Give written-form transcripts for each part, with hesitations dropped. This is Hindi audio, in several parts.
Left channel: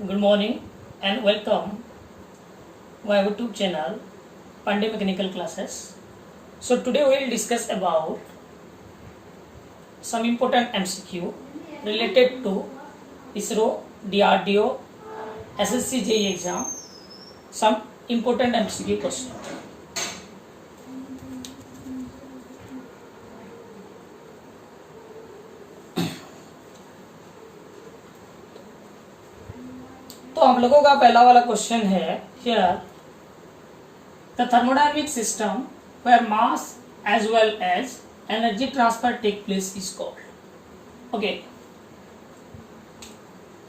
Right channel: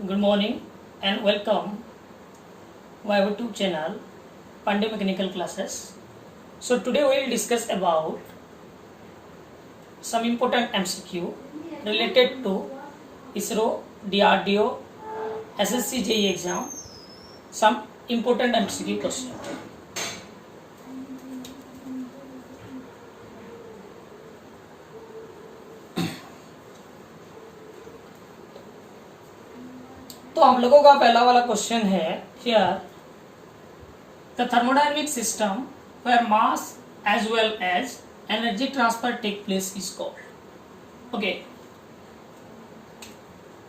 Good morning and welcome my YouTube channel Pandey Mechanical Classes. So today we will discuss about some important MCQ related to ISRO, DRDO, SSC JEE exam. Some important MCQ question. तो हम लोगों का पहला वाला क्वेश्चन है here the thermodynamic system where mass as well as energy transfer take place is called. Okay,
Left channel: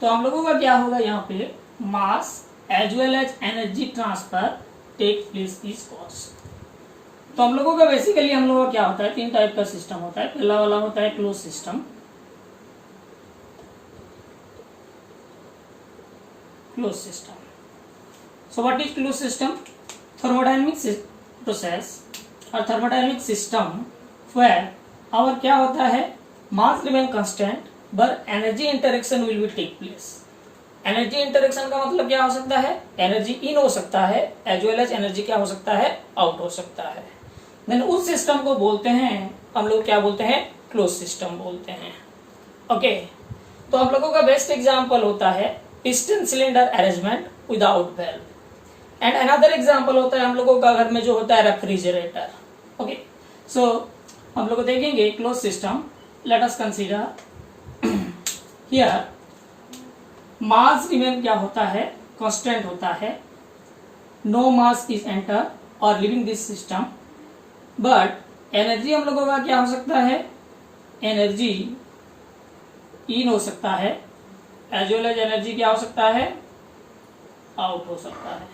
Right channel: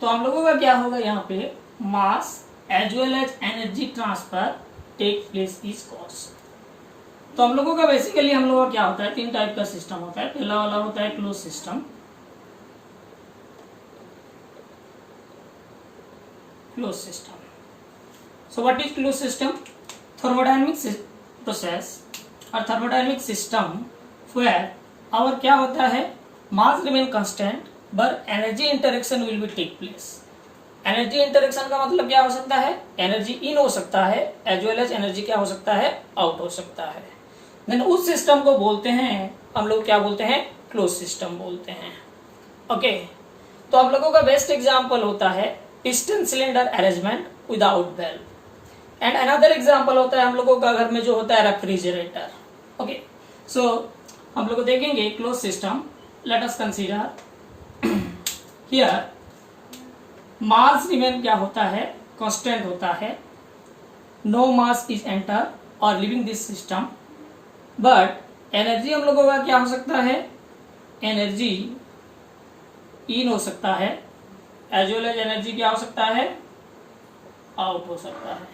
तो हम लोगों का क्या होगा यहाँ पे mass as well as energy transfer take place is called. तो हम लोगों का बेसिकली हम लोगों का क्या होता है, तीन टाइप का सिस्टम होता है. पहला वाला होता है close system. Closed system. So what is closed system? Thermodynamic process or thermodynamic system where our क्या होता है mass remain constant but energy interaction will be take place. Energy interaction का मतलब क्या हो सकता है, energy in हो सकता है as well as energy क्या हो सकता है, out हो सकता है. Then उस सिस्टम को बोलते हैं हम लोग क्या बोलते हैं, closed system बोलते हैं. ओके, तो हम लोगों का बेस्ट एग्जाम्पल होता है piston cylinder arrangement without valve. And another example होता है हम लोगों का घर में जो होता है रेफ्रिजरेटर. ओके, सो हम लोग देखेंगे close system. Let us consider here mass remain क्या होता है, कांस्टेंट होता है. नो मास इज एंटर और living this system. But energy हम लोगों का क्या हो सकता है, एनर्जी इन हो सकता है एज वेल एज एनर्जी क्या हो सकता है, आउट हो सकता है.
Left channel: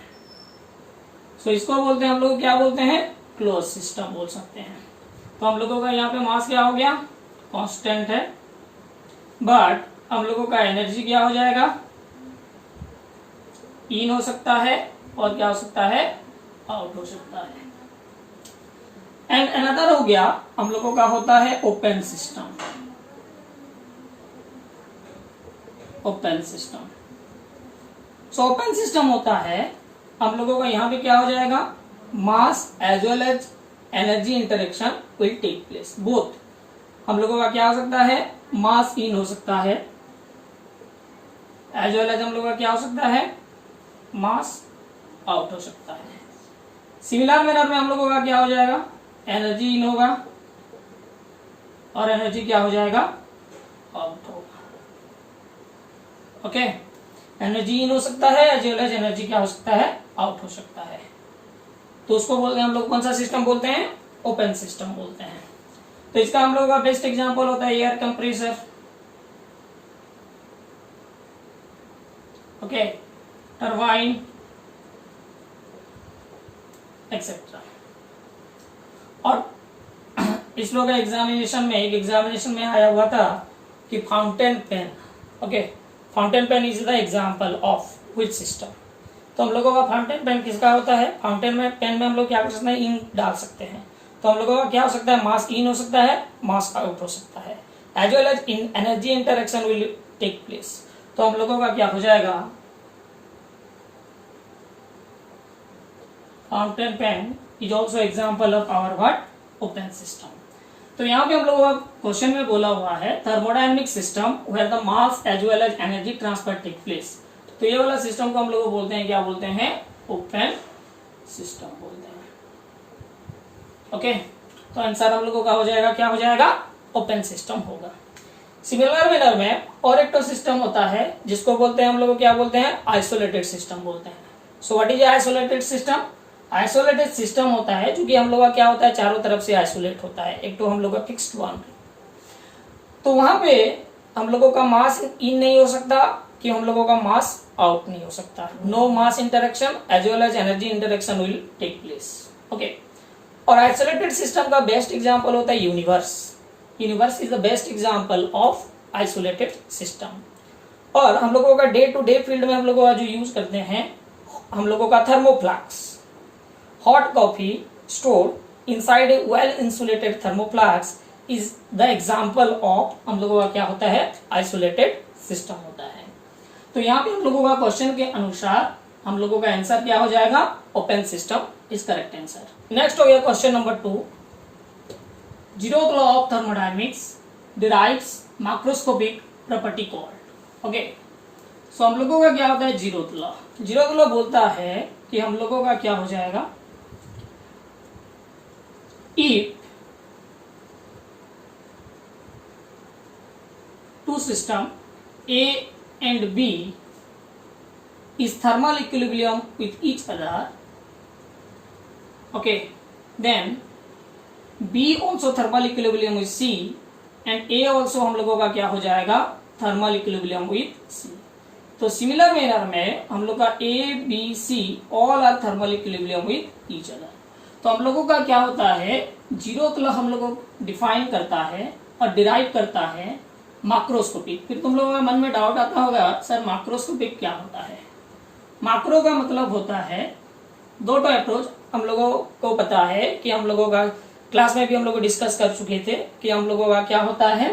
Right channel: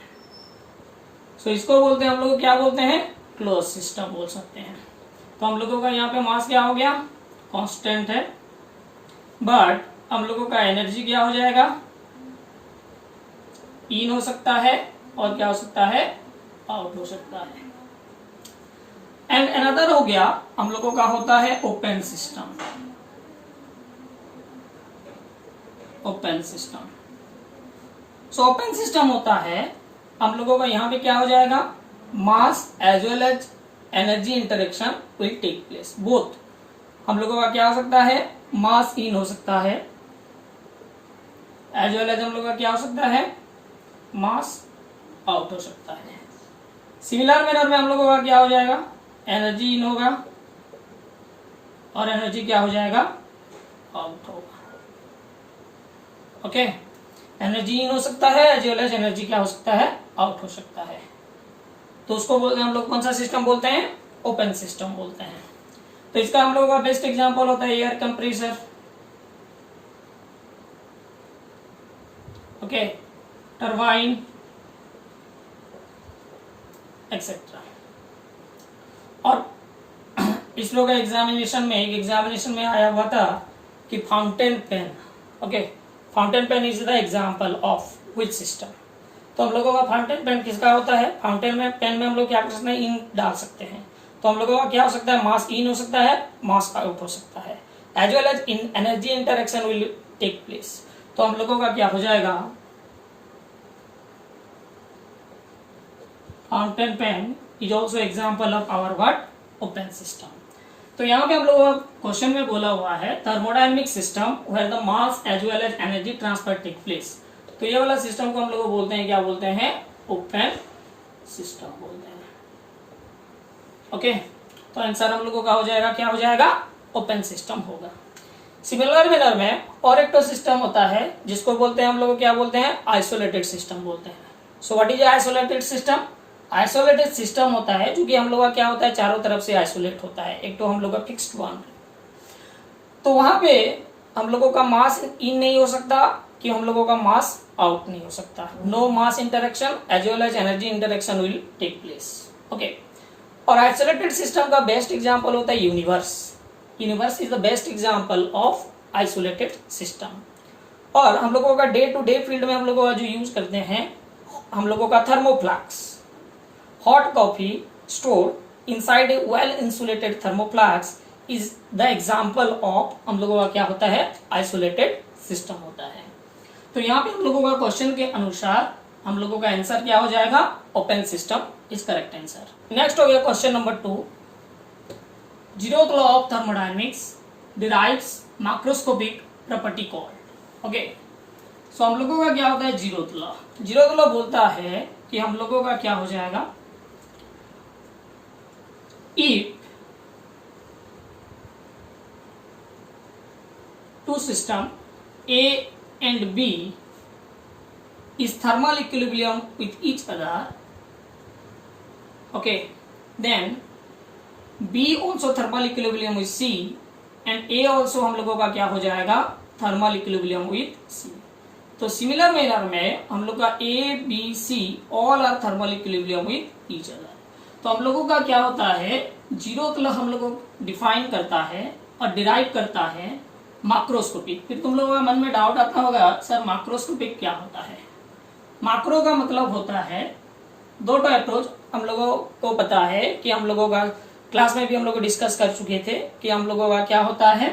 सो इसको बोलते हैं हम लोग क्या बोलते हैं, क्लोज सिस्टम बोल सकते हैं. तो हम लोगों का यहाँ पे मास क्या हो गया, कांस्टेंट है. बट हम लोगों का एनर्जी क्या हो जाएगा, इन हो सकता है और क्या हो सकता है, आउट हो सकता है. एंड अनदर हो गया हम लोगों का होता है open system. Open system. So open system होता है हम लोगों का यहाँ पे क्या हो जाएगा, mass as well as energy interaction will take place. Both हम लोगों का क्या हो सकता है, मास इन हो सकता है एज वेल एज हम लोगों का क्या हो सकता है, मास आउट हो सकता है. सिमिलर मैनर में हम लोगों का क्या हो जाएगा, एनर्जी इन होगा और एनर्जी क्या हो जाएगा, आउट होगा. ओके, एनर्जी इन हो सकता है एज वेल एज एनर्जी क्या हो सकता है, आउट हो सकता है. तो उसको बोलते हैं हम लोग कौन सा सिस्टम बोलते हैं, ओपन सिस्टम बोलते हैं. तो इसका हम लोगों का बेस्ट एग्जांपल होता है air compressor. Okay, turbine etcetera. और इसरो का एग्जामिनेशन में एक एग्जामिनेशन में आया हुआ था कि fountain pen. Okay, fountain pen is the example of which system. तो हम लोगों का फाउंटेन पेन किसका होता है, फाउंटेन में पेन में हम लोग क्या कर सकते हैं, इंक डाल सकते हैं. तो हम लोगों का क्या हो सकता है, मास इन हो सकता है, मास आउट हो सकता है as well as in energy interaction will take place. तो हम लोगों का क्या हो जाएगा, fountain pen is also example of our what, open system. तो यहाँ पे हम लोगों का क्वेश्चन में बोला हुआ है thermodynamic system where the mass as well as energy transfer take place. तो ये वाला सिस्टम को हम लोग बोलते हैं, क्या बोलते हैं, ओपन सिस्टम बोलते हैं. ओके, तो आंसर हम लोगों का हो जाएगा, क्या हो जाएगा, ओपन सिस्टम होगा. सिमिलर मैनर में और एक तो सिस्टम होता है जिसको बोलते हैं हम लोग क्या बोलते हैं, आइसोलेटेड सिस्टम बोलते हैं. So what is isolated system. Isolated system होता है जो कि हम लोग का क्या होता है, चारों तरफ से आइसोलेट होता है. एक तो हम लोग का फिक्स्ड बाउंड्री. तो वहां पे हम लोगों का मास इन नहीं हो सकता कि हम लोगों का मास आउट नहीं हो सकता. No mass interaction as well as energy interaction will take place. Okay, और आइसोलेटेड सिस्टम का बेस्ट एग्जांपल होता है universe. Universe is the best example of isolated system. और हम लोगों का डे टू डे फील्ड में हम लोगों का जो यूज करते हैं हम लोगों का थर्मोफ्लास्क. hot coffee stored inside a well insulated thermoflask is the example of हम लोगों का क्या होता है, isolated system होता है. तो यहाँ पे हम लोगों का क्वेश्चन के अनुसार हम लोगों का आंसर क्या हो जाएगा, open system is correct answer. Next हो गया question number 2, zeroth law of thermodynamics derives macroscopic property called. Okay, so हम लोगों का क्या होता है जीरोथ लॉ। जीरोथ लॉ बोलता है कि हम लोगों का क्या हो जाएगा, if two system A and B is thermal equilibrium with each other, okay, then B also thermal equilibrium with C and A also हम लोगों का क्या हो जाएगा, thermal equilibrium with C। तो सिमिलर मैनर में हम लोग का A, B, C all are thermal equilibrium with each other। तो हम लोगों का क्या होता है, जीरोथ लॉ हम लोगों को डिफाइन करता है और डिराइव करता है माक्रोस्कोपिक। फिर तुम लोगों के मन में डाउट आता होगा, सर माक्रोस्कोपिक क्या होता है। माक्रो का मतलब होता है दो अप्रोच। हम लोगों को पता है कि हम लोगों का क्लास में भी हम लोग डिस्कस कर चुके थे कि हम लोगों का क्या होता है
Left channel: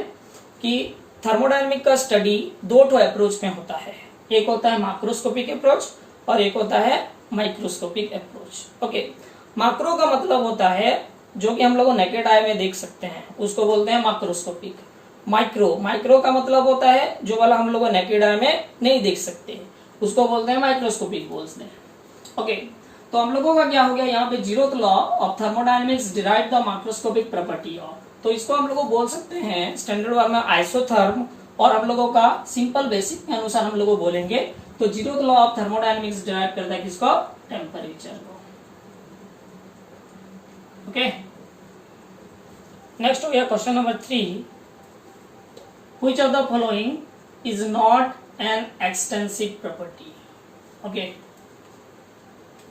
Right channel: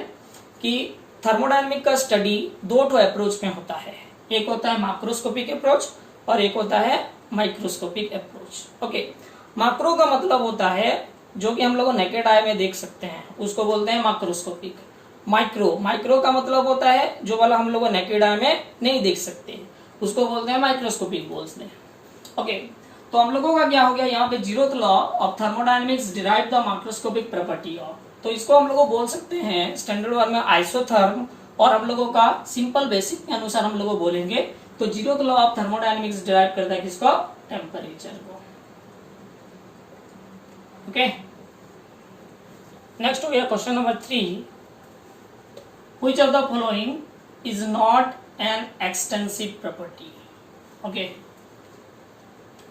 कि थर्मोडायनेमिक का स्टडी दो अप्रोच में होता है। एक होता है माक्रोस्कोपिक अप्रोच और एक होता है माइक्रोस्कोपिक अप्रोच। ओके, माक्रो का मतलब होता है जो कि हम लोग नेकेड आई में देख सकते हैं, उसको बोलते हैं माक्रोस्कोपिक। माइक्रो का मतलब होता है जो वाला हम लोग नेकेड आई में नहीं देख सकते, उसको बोलते हैं माइक्रोस्कोपिक बोलते हैं। ओके, तो हम लोगों का क्या हो गया यहाँ पे, zeroth law of thermodynamics derive the microscopic property of. तो इसको हम लोग बोल सकते हैं स्टैंडर्ड वर्ड में आइसोथर्म, और हम लोगों का सिंपल बेसिक के अनुसार हम लोग बोलेंगे तो zeroth law of thermodynamics derive करता है किसको, टेम्परेचर को। ओके, नेक्स्ट हो गया question number 3, which of the following is not an extensive property। Okay,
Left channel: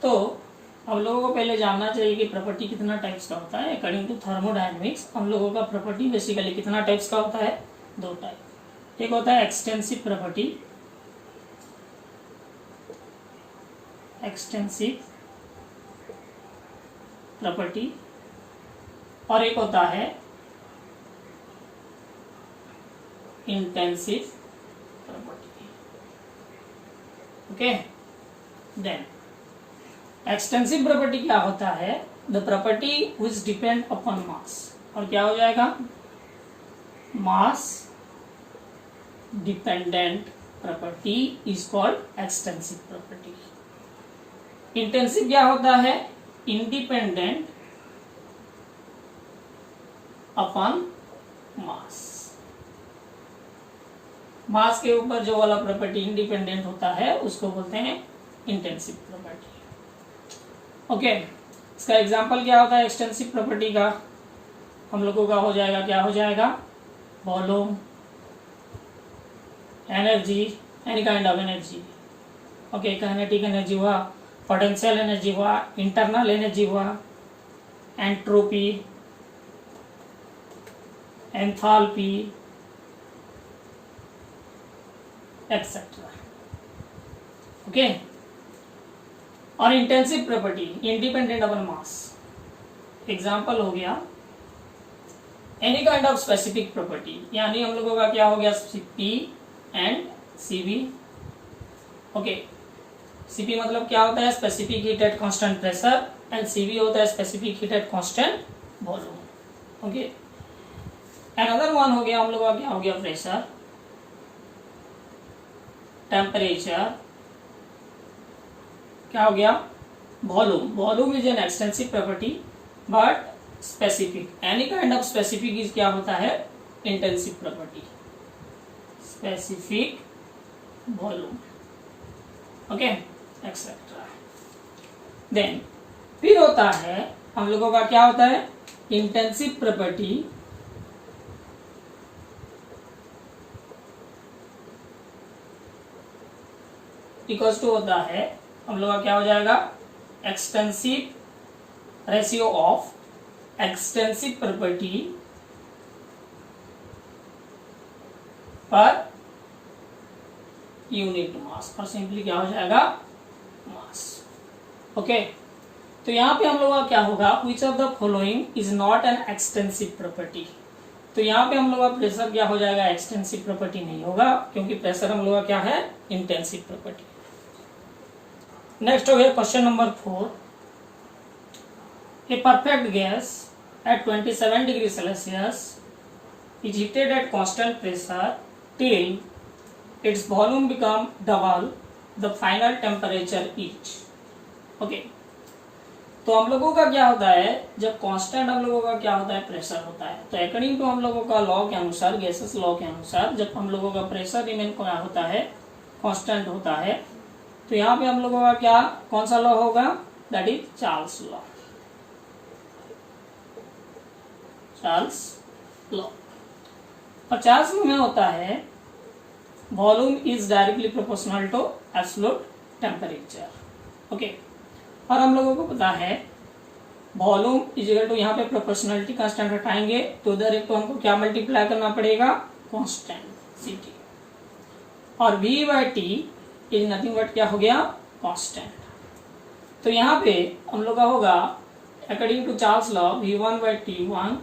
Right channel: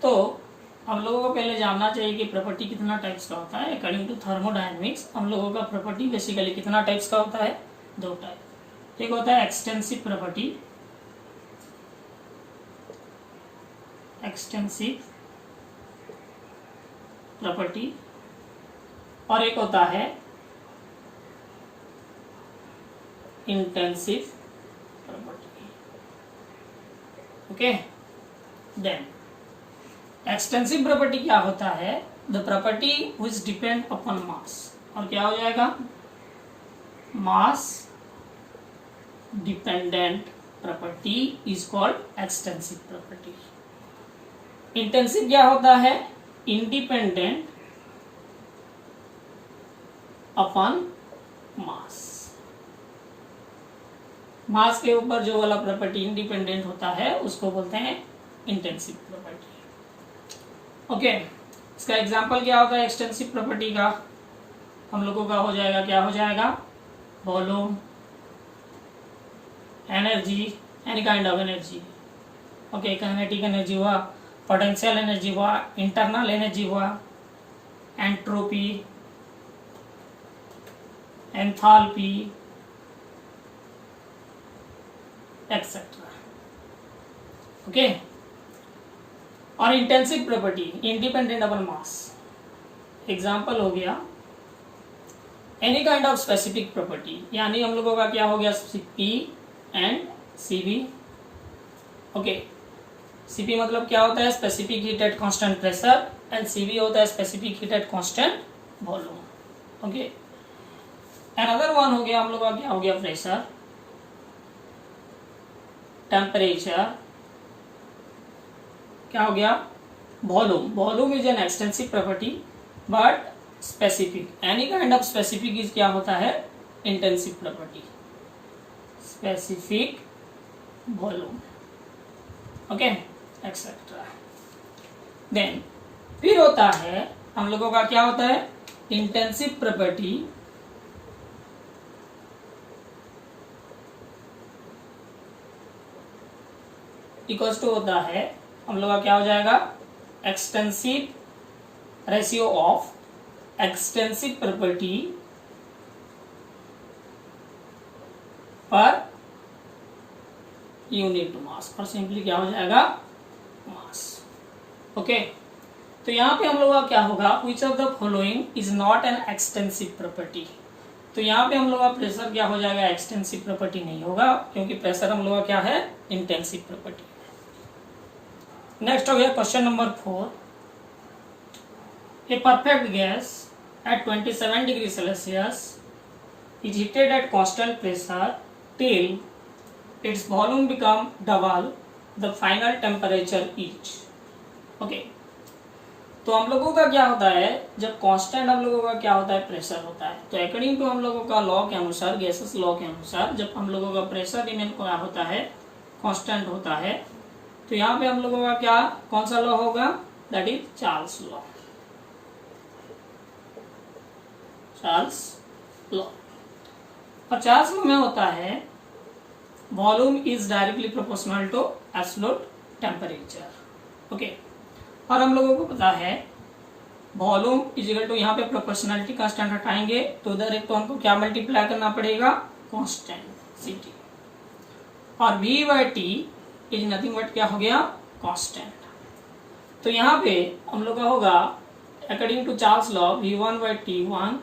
तो हम लोगों को पहले जानना चाहिए कि प्रॉपर्टी कितना टाइप्स का होता है। अकॉर्डिंग टू थर्मोडायनेमिक्स हम लोगों का प्रॉपर्टी बेसिकली कितना टाइप्स का होता है, दो टाइप। एक होता है एक्सटेंसिव प्रॉपर्टी, और एक होता है intensive property. Okay, then extensive property क्या होता है, the property which depend upon mass. और क्या हो जाएगा, mass dependent property is called extensive property. Intensive क्या होता है, इंडिपेंडेंट अपॉन मास। मास के ऊपर जो वाला प्रॉपर्टी इंडिपेंडेंट होता है उसको बोलते हैं इंटेंसिव प्रॉपर्टी। ओके, इसका एग्जांपल क्या होता है एक्सटेंसिव प्रॉपर्टी का, हम लोगों का हो जाएगा, क्या हो जाएगा, volume, energy, any kind of energy. Okay, kinetic energy हुआ, पोटेंशियल एनर्जी हुआ, इंटरनल एनर्जी हुआ, एंट्रोपी, एंथैल्पी, एक्सेट्रा। ओके, और intensive property independent upon mass. Example हो गया any kind of specific property, यानी हम लोगों का क्या हो गया, P and Cv। Okay, Cp मतलब क्या होता है, specific heat at constant pressure, and Cv होता है specific heat at constant volume. Okay, another one हो गया हम लोगों का क्या हो गया, प्रेशर, टेम्परेचर, क्या हो गया, volume. Volume is an extensive property but specific, any kind of specific is क्या होता है, intensive property, specific volume. Okay, etcetera. Then फिर होता है हम लोगों का क्या होता है, इंटेंसिव प्रॉपर्टी इक्वल्स टू होता है हम लोग का क्या हो जाएगा, extensive ratio of extensive property per unit mass, पर सिंपली क्या हो जाएगा, मास। ओके, तो यहां पे हम लोग का क्या होगा, which of the following is not an extensive property. तो यहाँ पे हम लोग का प्रेशर क्या हो जाएगा, एक्सटेंसिव प्रॉपर्टी नहीं होगा, क्योंकि प्रेशर हम लोग का क्या है, इंटेंसिव प्रॉपर्टी। नेक्स्ट हो गया question number 4। A perfect gas at 27 degree Celsius is heated at constant pressure till its volume become double the final temperature is। Okay, तो हम लोगों का क्या होता है, जब कांस्टेंट हम लोगों का क्या होता है, प्रेशर होता है, तो अकॉर्डिंग टू हम लोगों का लॉ के अनुसार, गैसेस लॉ के अनुसार, जब हम लोगों का प्रेशर रिमेन क्या होता है, कांस्टेंट होता है, तो यहाँ पे हम लोगों का क्या, कौन सा लॉ होगा, that is Charles law. Charles law, और चार्ल्स लॉ में होता है volume is directly proportional to absolute temperature. Okay, और हम लोगों को पता है वॉल्यूम इज इक्वल टू, यहाँ पे प्रोपोर्शनलिटी कांस्टेंट हटाएंगे तो उधर एक तो हमको क्या मल्टीप्लाई करना पड़ेगा, कांस्टेंट सीटी, और v by T is nothing but क्या हो गया, कांस्टेंट। तो यहाँ पे हम लोग का होगा according to Charles law v1 by t1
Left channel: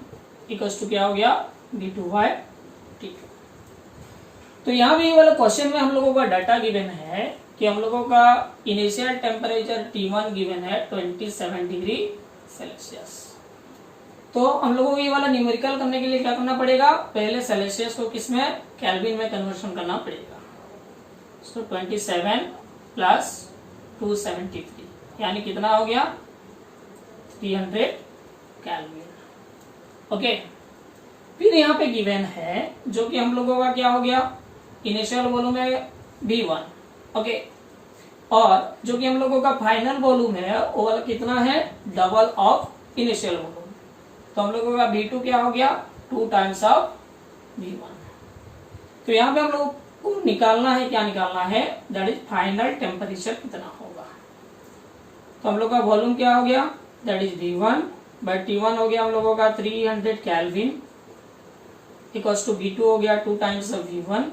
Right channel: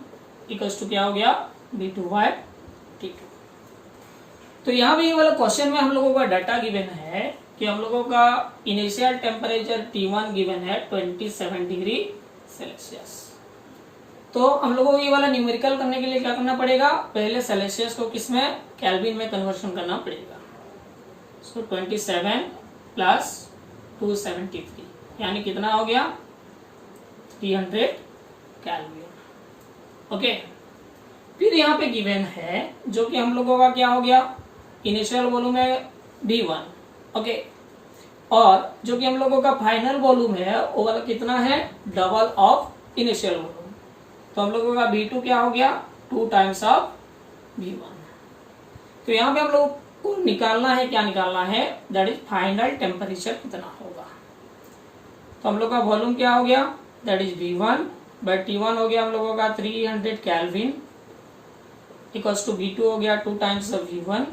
equals to क्या हो गया, v2 बाई t2। तो यहाँ पे ये वाला क्वेश्चन में हम लोगों का डाटा गिवन है कि हम लोगों का इनिशियल टेम्परेचर T1 गिवन है 27 डिग्री सेल्सियस। तो हम लोगों को ये वाला न्यूमेरिकल करने के लिए क्या करना पड़ेगा, पहले सेल्सियस को किसमें, केल्विन में कन्वर्शन करना पड़ेगा। सो 27 प्लस 273 यानी कितना हो गया, 300 केल्विन। ओके, फिर यहाँ पे गिवन है जो कि हम लोगों का क्या हो गया, इनिशियल वॉल्यूम है V1। ओके, और जो कि हम लोगों का फाइनल वॉल्यूम है वो वाला कितना है, डबल ऑफ इनिशियल वॉल्यूम। तो हम लोगों का V2 क्या हो गया, 2 टाइम्स ऑफ V1। तो यहाँ पे हम लोग को निकालना है, क्या निकालना है, दैट इज फाइनल टेम्परेचर कितना होगा। तो हम लोग का वॉल्यूम क्या हो गया, that is V1 by T1 हो गया हम लोगों का 300 केल्विन इक्वल्स टू V2 हो गया 2 times of V1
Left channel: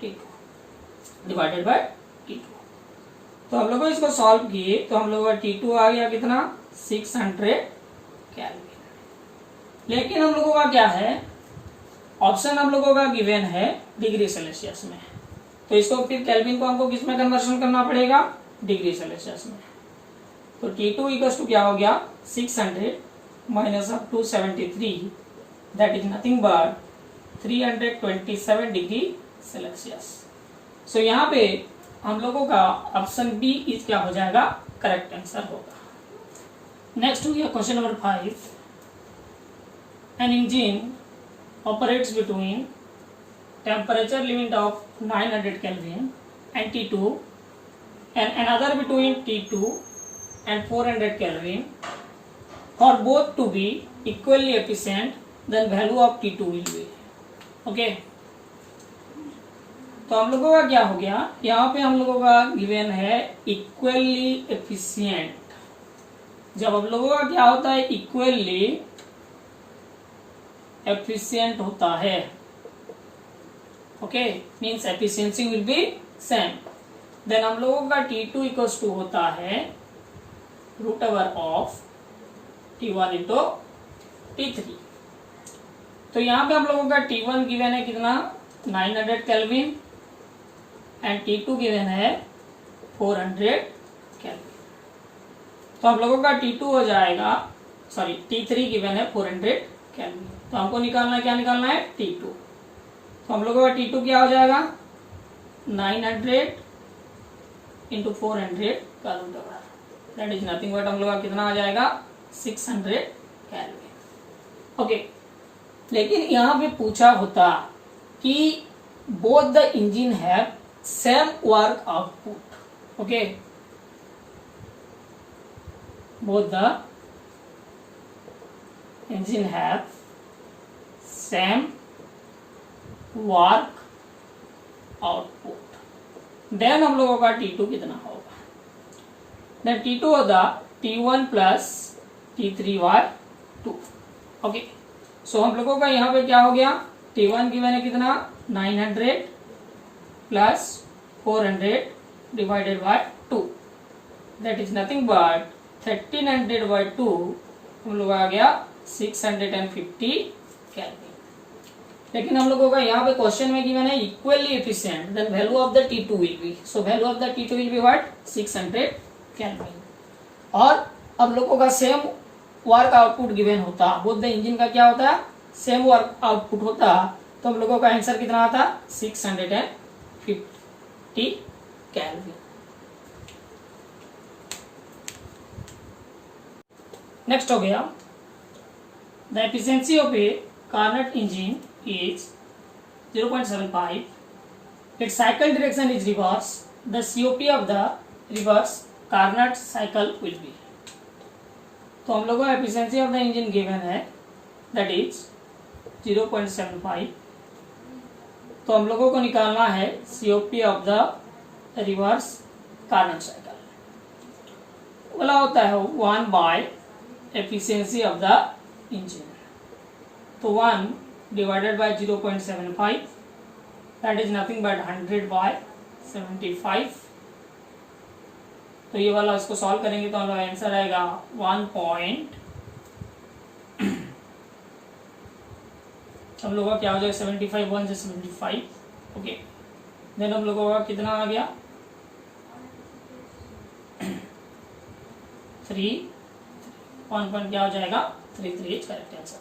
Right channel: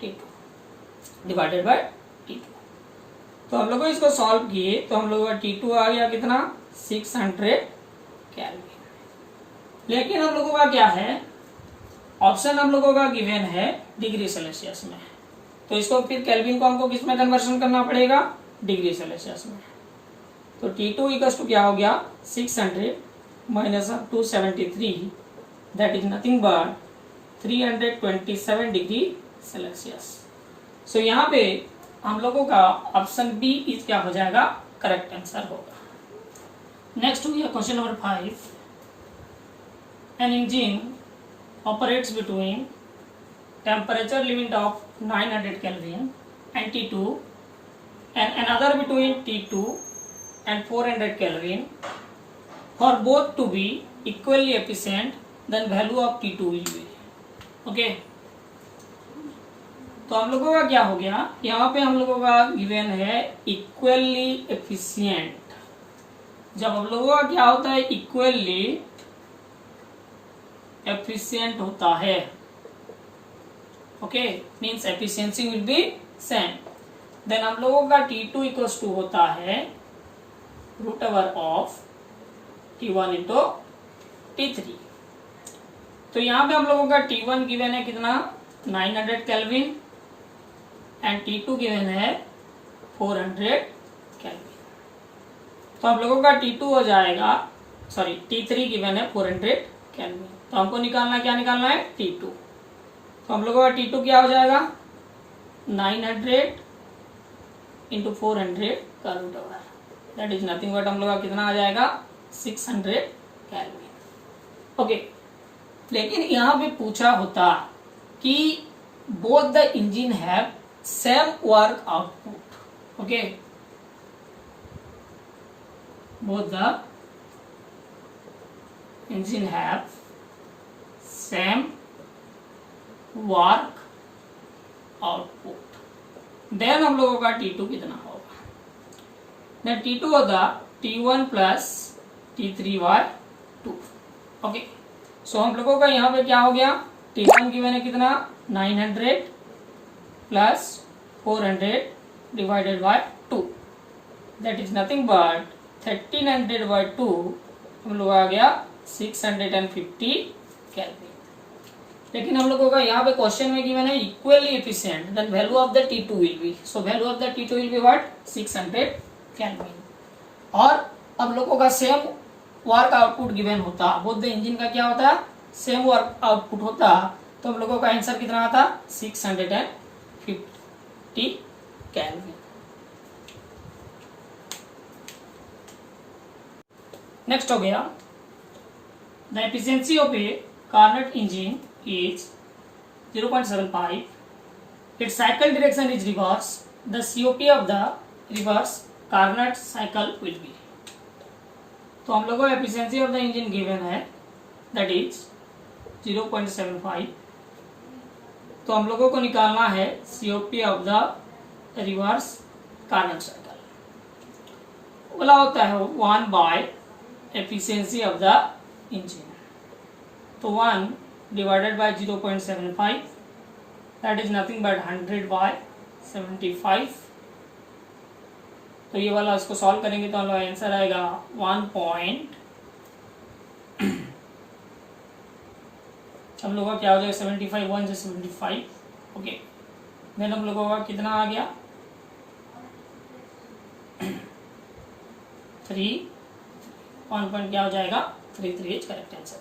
T2 divided by T2। तो हम लोग इसको सॉल्व किए तो हम लोग का T2 आ गया कितना, 600 केल्विन। लेकिन हम लोगों का क्या है, ऑप्शन हम लोगों का गिवन है डिग्री सेल्सियस में, तो इसको फिर केल्विन को हमको किस में कन्वर्शन करना पड़ेगा, डिग्री सेल्सियस में। तो T2 इक्वल्स टू क्या हो गया, 600 minus of 273 that is nothing but 327 degree Celsius. So यहाँ पे हम लोगों का ऑप्शन बी इज क्या हो जाएगा, करेक्ट आंसर होगा। नेक्स्ट हो गया question number 5। An engine operates between temperature limit of 900 Kelvin and T2 and another between T2 and 400 Kelvin for both to be equally efficient, then value of T2 will be। Okay, तो हम लोगों का क्या हो गया, यहाँ पे हम लोगों का गिवन है इक्वली एफिशिएंट। जब हम लोगों का क्या होता है, इक्वली एफिशिएंट होता है, okay, means efficiency will be same, then हम लोगों का T2 इक्वल्स टू होता है root over of T1 into T3। तो यहाँ पे हम लोगों का T1 गिवन है कितना, 900 केल्विन एंड T2 गिवन है 400 केल्विन। तो हम लोगों का T2 हो जाएगा, सॉरी T3 गिवन है 400 केल्विन। तो हमको निकालना है, क्या निकालना है, T2। तो हम लोगों का T2 क्या हो जाएगा, 900 इंटू 400 का root over, that is nothing but हम लोग का कितना आ जाएगा, 600 केल्विन। ओके, लेकिन यहाँ पे पूछा होता कि both the engine have same work output. Okay, both the engine have same work output, then हम लोगों का T2 कितना होगा, देन T2 होगा T1 plus T3 bye 2। Okay, so हम लोगों का यहाँ पे क्या हो गया, T1 की मैंने कितना 900 plus 400 divided by 2 that is nothing but 1300 by 2 हम लोग आ गया 650 केल्विन। लेकिन हम लोगों का यहाँ पे क्वेश्चन में गिवन है equally efficient, then value of the T2 will be, so value of the T2 will be what 600 kelvin. और अब लोगों का सेम वर्क आउटपुट गिवन होता, बोथ द इंजन का क्या होता है सेम वर्क आउटपुट होता, तो हम लोगों का आंसर कितना आता 650 केल्विन। नेक्स्ट हो गया the efficiency of a Carnot engine is 0.75. Its cycle direction is reverse. The COP of the reverse Carnot cycle will be. तो हम लोगों को efficiency of the engine given है दैट इज 0.75। तो हम लोगों को निकालना है COP of the reverse Carnot cycle. बोला होता है 1 by efficiency of the engine, तो 1 divided by 0.75, that is nothing but 100 by 75। तो ये वाला इसको सॉल्व करेंगे तो हम लोग आंसर आएगा 1 पॉइंट, हम लोगों का क्या हो जाएगा 75, 1 से 75, ओके। देन हम लोगों का कितना आ गया 3, 1 पॉइंट क्या हो जाएगा 33 करेक्ट आंसर।